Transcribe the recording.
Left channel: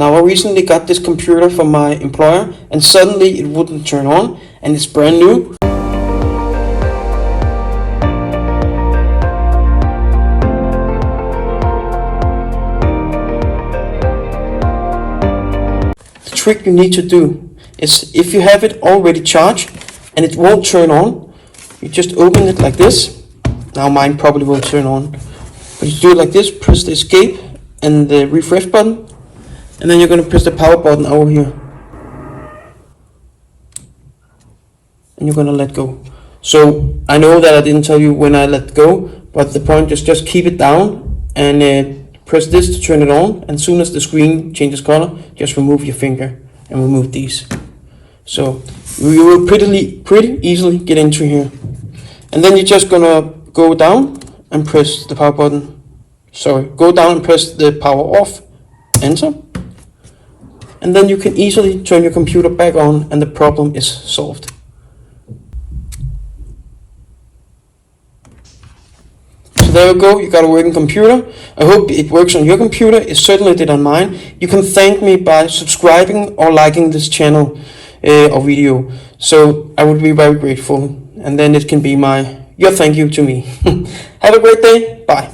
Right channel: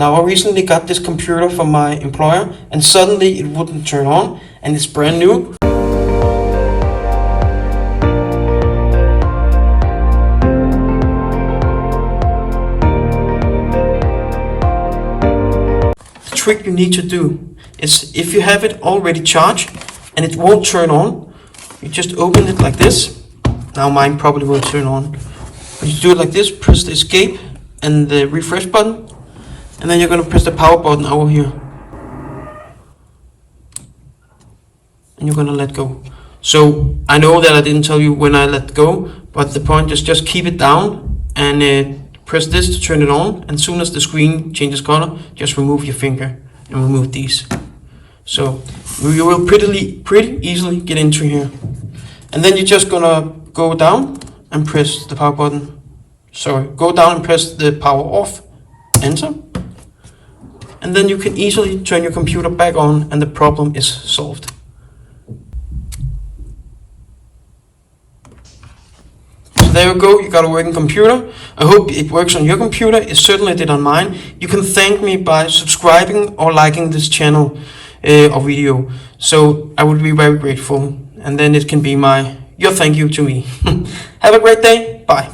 Now I recently got this computer from my employer and suddenly it wouldn't turn on, and it's brand new. The trick you need to do is, if you have it already charged and it won't turn on, you just open it like this. Now mine probably won't turn on, but you do it like this, press the escape and the refresh button, and then you're going to press the power button over here. And you're going to let go. So I know that I didn't tell you when I let go, but the point is just keep it down and press this to turn it on. And as soon as the screen changes color, just remove your finger and remove these. So you will pretty easily get into here. And then you're just going to go down and press the power button. Sorry, go down and press the power off, enter. And then you can easily turn your computer back on and the problem is solved. So there you go, you got a working computer. I hope it works on your computer. It certainly did on mine. You can thank me by subscribing or liking this channel or video. So I would be very grateful. And then it can be your thank you to me. Have a great day. Bye.